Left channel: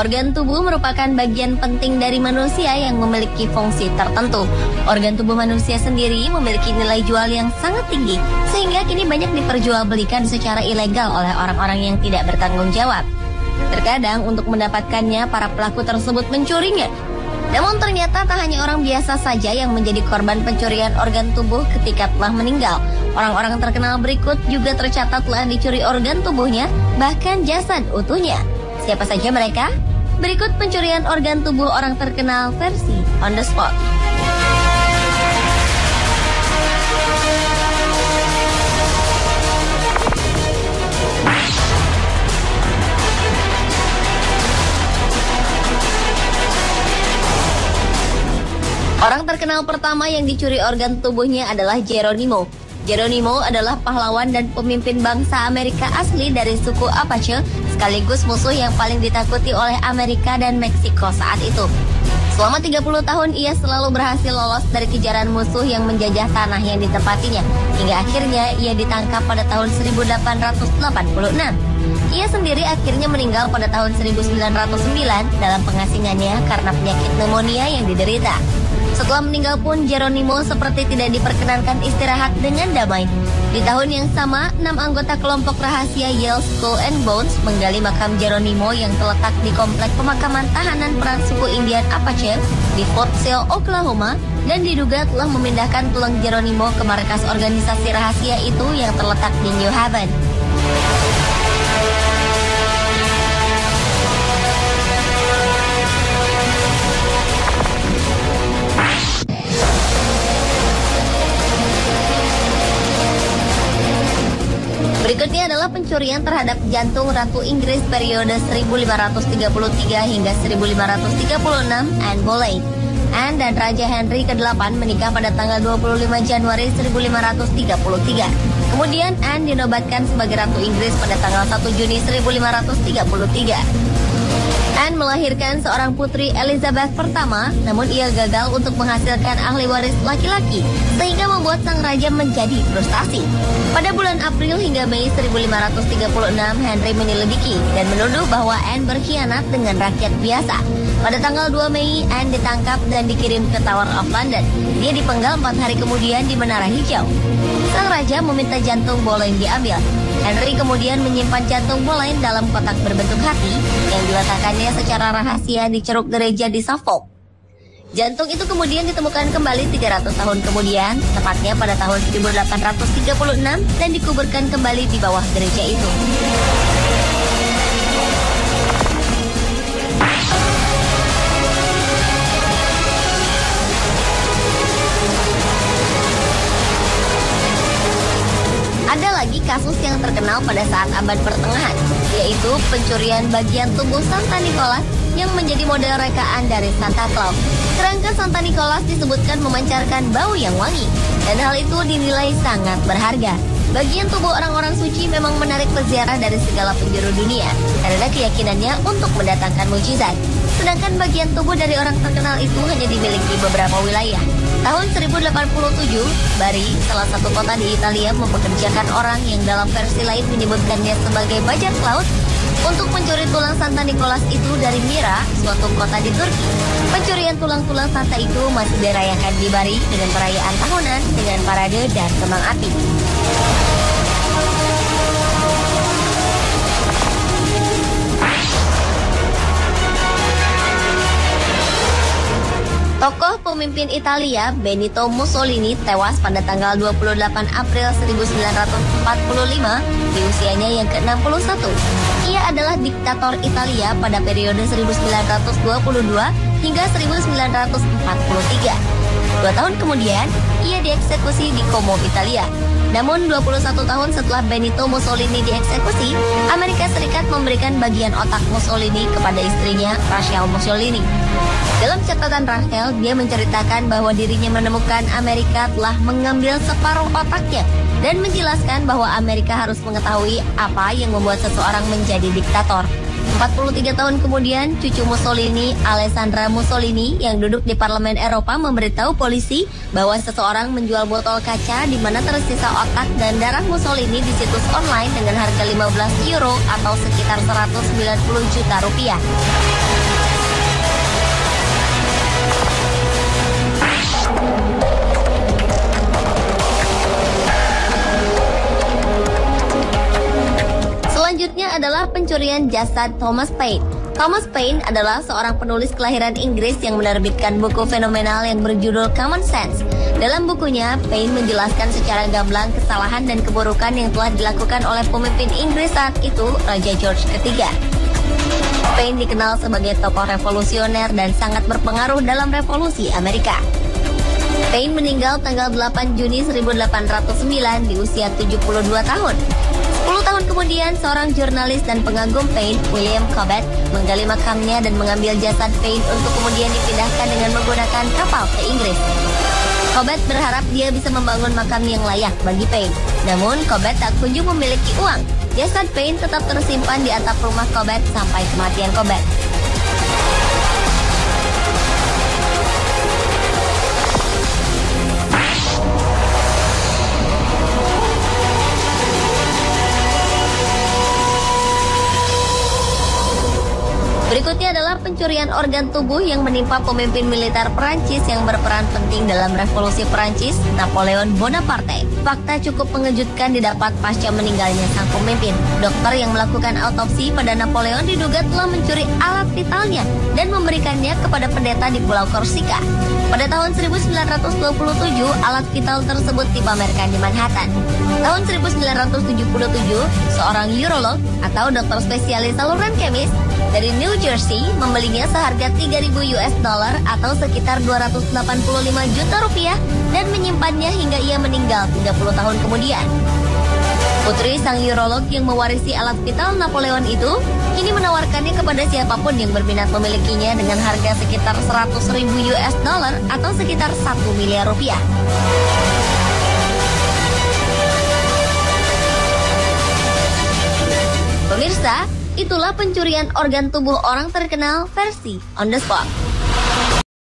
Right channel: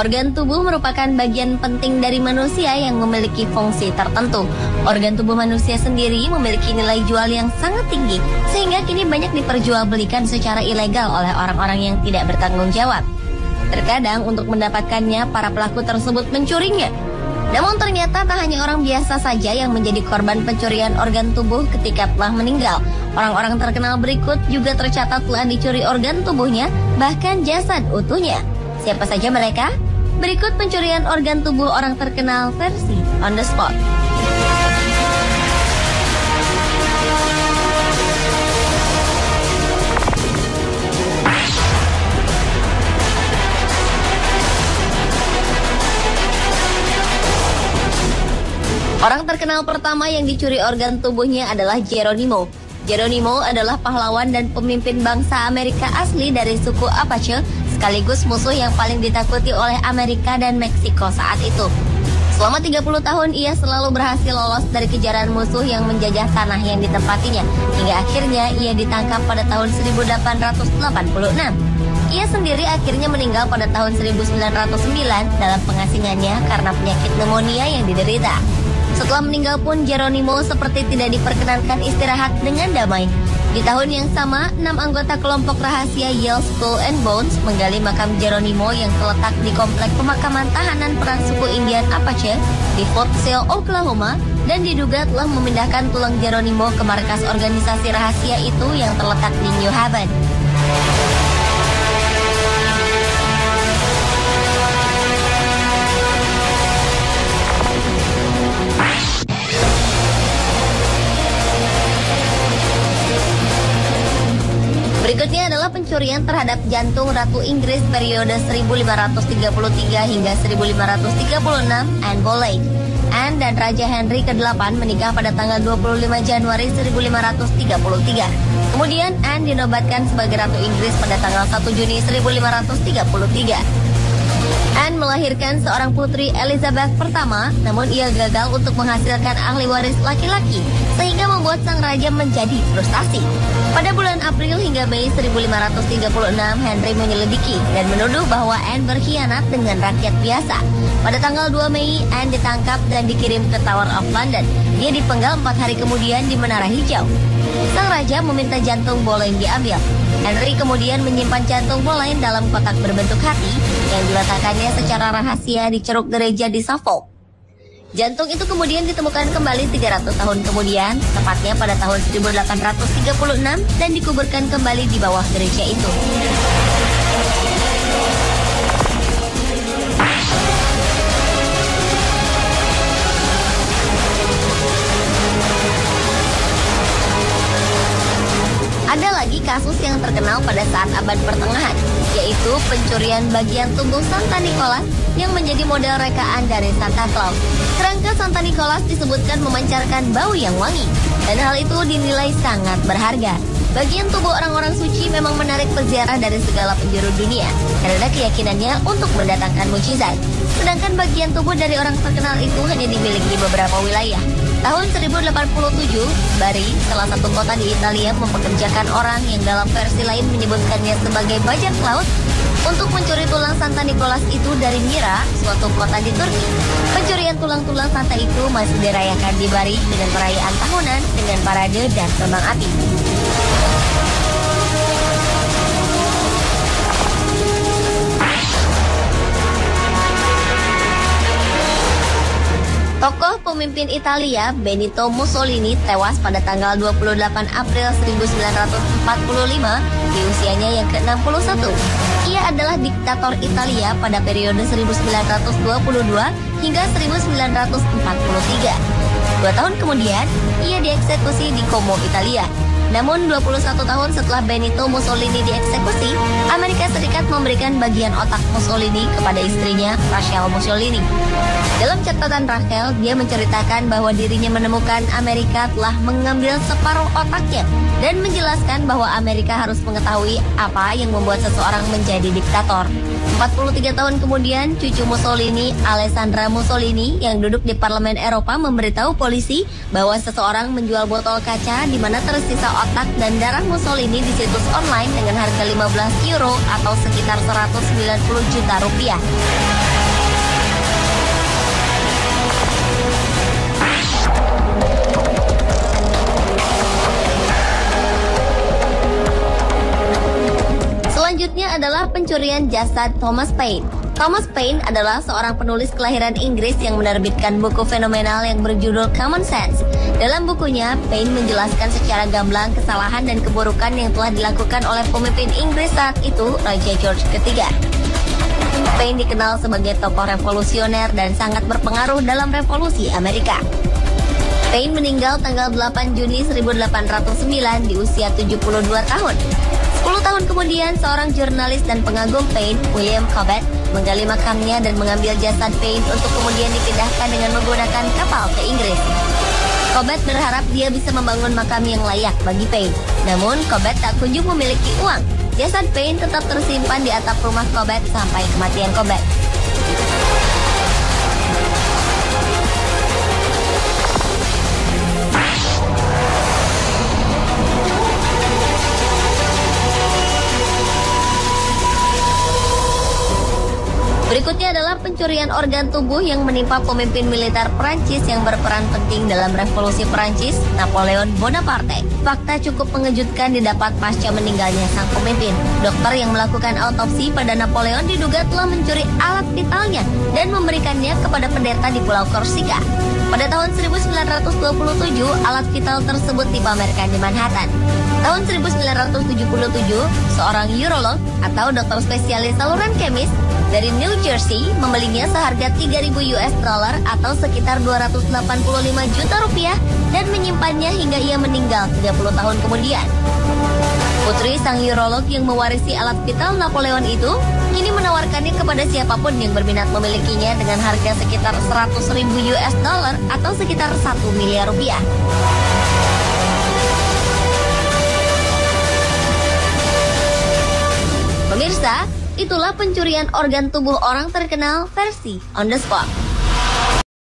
Organ tubuh merupakan bagian penting dari manusia yang memiliki fungsi tertentu. Organ tubuh manusia sendiri memiliki nilai jual yang sangat tinggi, sehingga kini banyak diperjualbelikan secara ilegal oleh orang-orang yang tidak bertanggung jawab. Terkadang untuk mendapatkannya, para pelaku tersebut mencurinya. Namun ternyata tak hanya orang biasa saja yang menjadi korban pencurian organ tubuh ketika telah meninggal. Orang-orang terkenal berikut juga tercatat telah dicuri organ tubuhnya, bahkan jasad utuhnya. Siapa saja mereka? Berikut pencurian organ tubuh orang terkenal versi On The Spot. Orang terkenal pertama yang dicuri organ tubuhnya adalah Geronimo. Geronimo adalah pahlawan dan pemimpin bangsa Amerika asli dari suku Apache, sekaligus musuh yang paling ditakuti oleh Amerika dan Meksiko saat itu. Selama 30 tahun ia selalu berhasil lolos dari kejaran musuh yang menjajah tanah yang ditempatinya, hingga akhirnya ia ditangkap pada tahun 1886. Ia sendiri akhirnya meninggal pada tahun 1909 dalam pengasingannya karena penyakit pneumonia yang diderita. Setelah meninggal pun Geronimo seperti tidak diperkenankan istirahat dengan damai. Di tahun yang sama, 6 anggota kelompok rahasia Yale Skull and Bones menggali makam Geronimo yang terletak di komplek pemakaman tahanan perang suku Indian Apache di Fort Sill, Oklahoma, dan diduga telah memindahkan tulang Geronimo ke markas organisasi rahasia itu yang terletak di New Haven. Berikutnya adalah pencurian terhadap jantung Ratu Inggris periode 1533 hingga 1536, Anne Boleyn. Anne dan Raja Henry ke-8 menikah pada tanggal 25 Januari 1533. Kemudian Anne dinobatkan sebagai Ratu Inggris pada tanggal 1 Juni 1533. Anne melahirkan seorang putri Elizabeth pertama, namun ia gagal untuk menghasilkan ahli waris laki-laki, sehingga membuat sang raja menjadi frustasi. Pada bulan April hingga Mei 1536, Henry menyelidiki dan menuduh bahwa Anne berkhianat dengan rakyat biasa. Pada tanggal 2 Mei, Anne ditangkap dan dikirim ke Tower of London. Dia dipenggal 4 hari kemudian di Menara Hijau. Sang raja meminta jantung Boleyn diambil. Henry kemudian menyimpan jantung Boleyn dalam kotak berbentuk hati yang diletakkannya secara rahasia di ceruk gereja di Suffolk. Jantung itu kemudian ditemukan kembali 300 tahun kemudian, tepatnya pada tahun 1836, dan dikuburkan kembali di bawah gereja itu. Ada lagi kasus yang terkenal pada saat abad pertengahan, yaitu pencurian bagian tubuh Santa Nicholas yang menjadi model rekaan dari Santa Claus. Kerangka Santa Nicholas disebutkan memancarkan bau yang wangi, dan hal itu dinilai sangat berharga. Bagian tubuh orang-orang suci memang menarik peziarah dari segala penjuru dunia, karena keyakinannya untuk mendatangkan mukjizat. Sedangkan bagian tubuh dari orang terkenal itu hanya dimiliki beberapa wilayah. Tahun 1087, Bari, salah satu kota di Italia, mempekerjakan orang yang dalam versi lain menyebutkannya sebagai bajak laut untuk mencuri tulang Santa Nicholas itu dari Mira, suatu kota di Turki. Pencurian tulang-tulang Santa itu masih dirayakan di Bari dengan perayaan tahunan dengan parade dan kembang api. Tokoh pemimpin Italia Benito Mussolini tewas pada tanggal 28 April 1945 di usianya yang ke-61. Ia adalah diktator Italia pada periode 1922 hingga 1943. 2 tahun kemudian, ia dieksekusi di Como, Italia. Namun 21 tahun setelah Benito Mussolini dieksekusi, Amerika Serikat memberikan bagian otak Mussolini kepada istrinya, Rachel Mussolini. Dalam catatan Rachel, dia menceritakan bahwa dirinya menemukan Amerika telah mengambil separuh otaknya dan menjelaskan bahwa Amerika harus mengetahui apa yang membuat seseorang menjadi diktator. 43 tahun kemudian, cucu Mussolini, Alessandra Mussolini, yang duduk di Parlemen Eropa memberitahu polisi bahwa seseorang menjual botol kaca di mana tersisa otak dan darah Mussolini di situs online dengan harga 15 euro atau sekitar 190 juta rupiah. Selanjutnya adalah pencurian jasad Thomas Paine. Thomas Paine adalah seorang penulis kelahiran Inggris yang menerbitkan buku fenomenal yang berjudul Common Sense. Dalam bukunya, Paine menjelaskan secara gamblang kesalahan dan keburukan yang telah dilakukan oleh pemimpin Inggris saat itu, Raja George III. Paine dikenal sebagai tokoh revolusioner dan sangat berpengaruh dalam revolusi Amerika. Paine meninggal tanggal 8 Juni 1809 di usia 72 tahun. 10 tahun kemudian, seorang jurnalis dan pengagum Paine, William Cobbett, menggali makamnya dan mengambil jasad Paine untuk kemudian dipindahkan dengan menggunakan kapal ke Inggris. Cobbett berharap dia bisa membangun makam yang layak bagi Paine. Namun, Cobbett tak kunjung memiliki uang. Jasad Paine tetap tersimpan di atap rumah Cobbett sampai kematian Cobbett. Berikutnya adalah pencurian organ tubuh yang menimpa pemimpin militer Perancis yang berperan penting dalam revolusi Perancis, Napoleon Bonaparte. Fakta cukup mengejutkan didapat pasca meninggalnya sang pemimpin. Dokter yang melakukan autopsi pada Napoleon diduga telah mencuri alat vitalnya dan memberikannya kepada pendeta di Pulau Korsika. Pada tahun 1927, alat vital tersebut dipamerkan di Manhattan. Tahun 1977, seorang urolog atau dokter spesialis saluran kemmis dari New Jersey membelinya seharga 3.000 US dollar atau sekitar 285 juta rupiah dan menyimpannya hingga ia meninggal 30 tahun kemudian. Putri sang urolog yang mewarisi alat vital Napoleon itu kini menawarkannya kepada siapapun yang berminat memilikinya dengan harga sekitar 100.000 US dollar atau sekitar 1 miliar rupiah. Pemirsa, itulah pencurian organ tubuh orang terkenal versi On The Spot.